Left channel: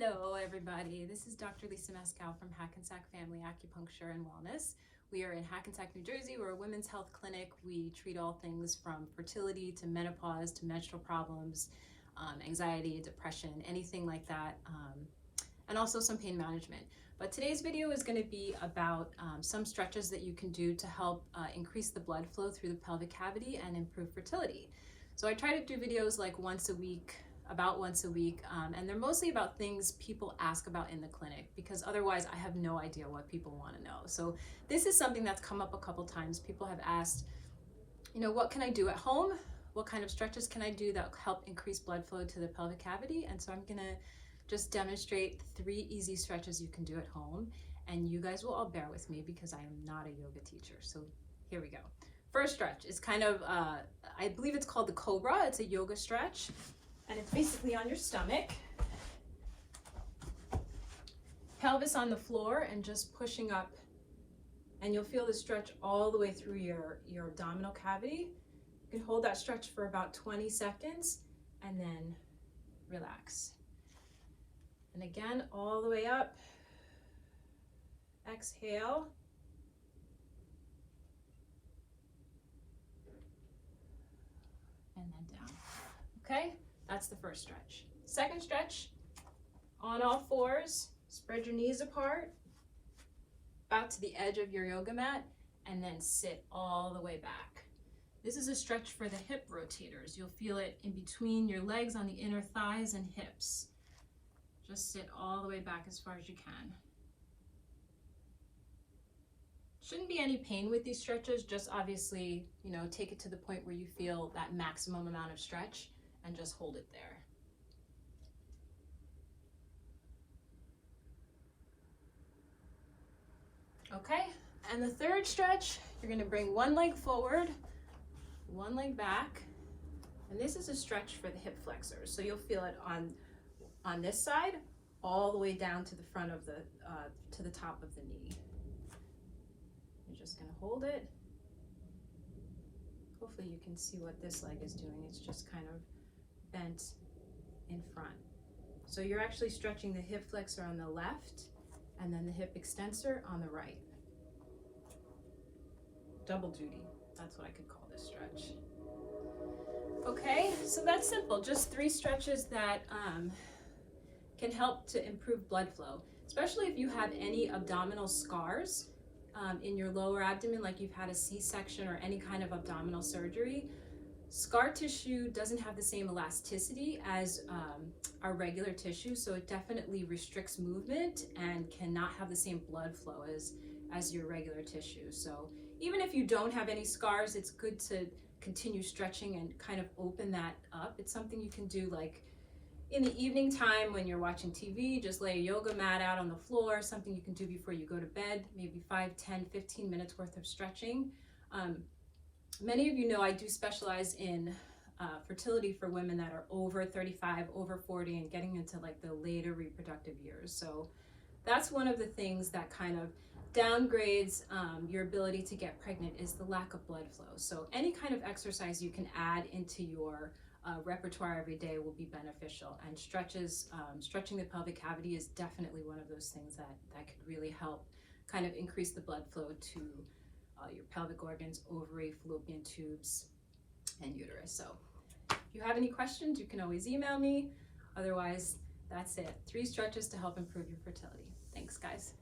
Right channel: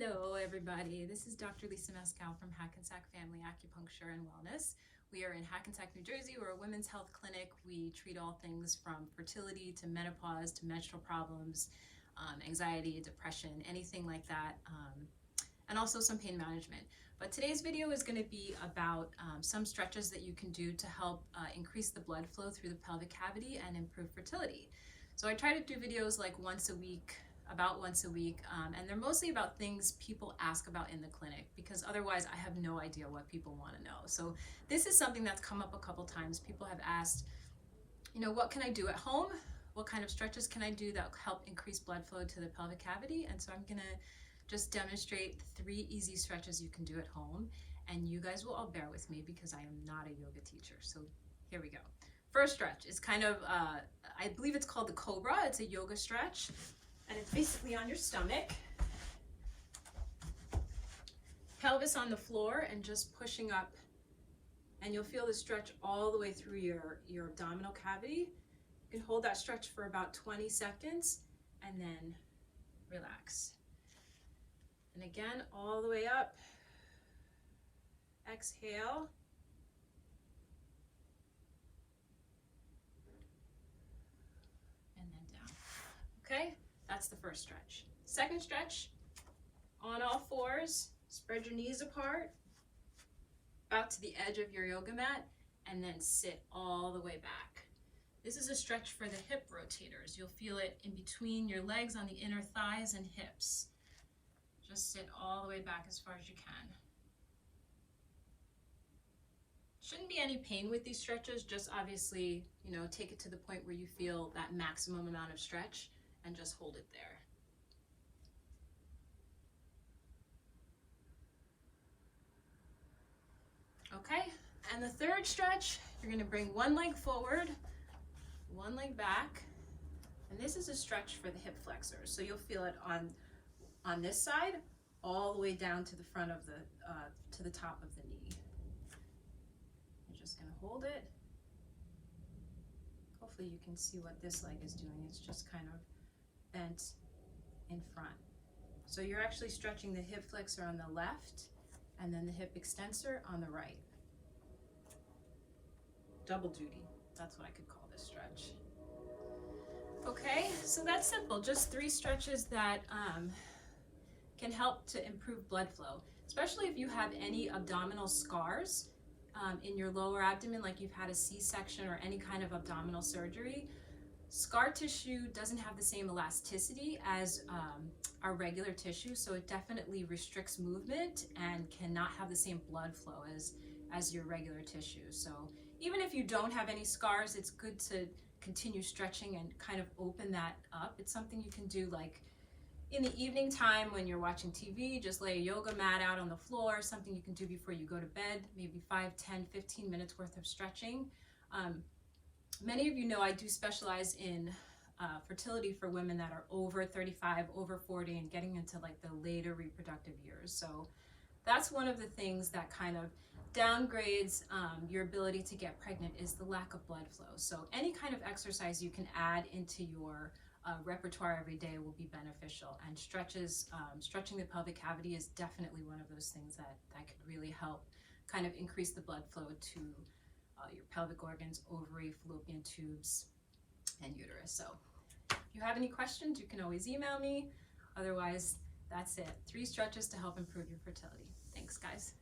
Hello everybody, this is Dr. Lisa Mescal from Hackensack Family Acupuncture and Wellness. We are in Hackensack, New Jersey. We're a women's health clinic. We treat all things from fertility to menopause to menstrual problems, anxiety, depression, anything like that, and also some pain management. But today's video is going to be about some stretches that you can do to help increase the blood flow through the pelvic cavity and improve fertility. So I try to do videos like about once a week, and they're mostly about things people ask about in the clinic, because otherwise I have no idea what people want to know. So this is something that's come up a couple times. People have asked, what can I do at home? What kind of stretches can I do that help increase blood flow to the pelvic cavity? And so I'm gonna just demonstrate 3 easy stretches you can do at home, and you guys will all bear with me because I am not a yoga teacher. So here we go. First stretch is kind of, I believe it's called the Cobra. It's a yoga stretch. And it's basically on your stomach, pelvis on the floor, and just pushing up, and you'll feel the stretch all the way through your abdominal cavity. You can hold that stretch for about 20 seconds and then relax. And again, all the way up, exhale. And then down, okay? That's the first stretch. Second stretch, on all fours, spread your knees apart, out to the edge of your yoga mat, and then sit all the way back. This is a stretch for the hip rotators. You'll feel it in between your legs on the inner thighs and hips. Just sit all the way back as far as you can. Shouldn't be any pain with these stretches, just obviously, take it to the point where you feel that maximum amount of stretch, and just hold it there. Okay, and the third stretch, you're gonna bring one leg forward, one leg back, and this is a stretch for the hip flexors. So you'll feel it on this side, all the way down to the front of to the top of the knee. You're just gonna hold it. Hopefully you can see what this leg is doing. It's just kind of bent in front. So you're actually stretching the hip flexor on the left and then the hip extensor on the right. Double duty, that's what I could call this stretch. Okay, so that's simple, just 3 stretches that can help to improve blood flow, especially if you have any abdominal scars in your lower abdomen, like you've had a C-section or any kind of abdominal surgery. Scar tissue doesn't have the same elasticity as our regular tissue, so it definitely restricts movement and cannot have the same blood flow as your regular tissue. So even if you don't have any scars, it's good to continue stretching and kind of open that up. It's something you can do like in the evening time when you're watching TV, just lay a yoga mat out on the floor, something you can do before you go to bed, maybe 5, 10, 15 minutes worth of stretching. Many of you know I do specialize in fertility for women that are over 35, over 40, and getting into like the later reproductive years. So that's one of the things that kind of downgrades your ability to get pregnant, is the lack of blood flow. So any kind of exercise you can add into your repertoire every day will be beneficial. And stretching the pelvic cavity is definitely one of those things that could really help kind of increase the blood flow to your pelvic organs, ovary, fallopian tubes, and uterus. So if you have any questions, you can always email me. Otherwise, that's it. 3 stretches to help improve your fertility. Thanks, guys.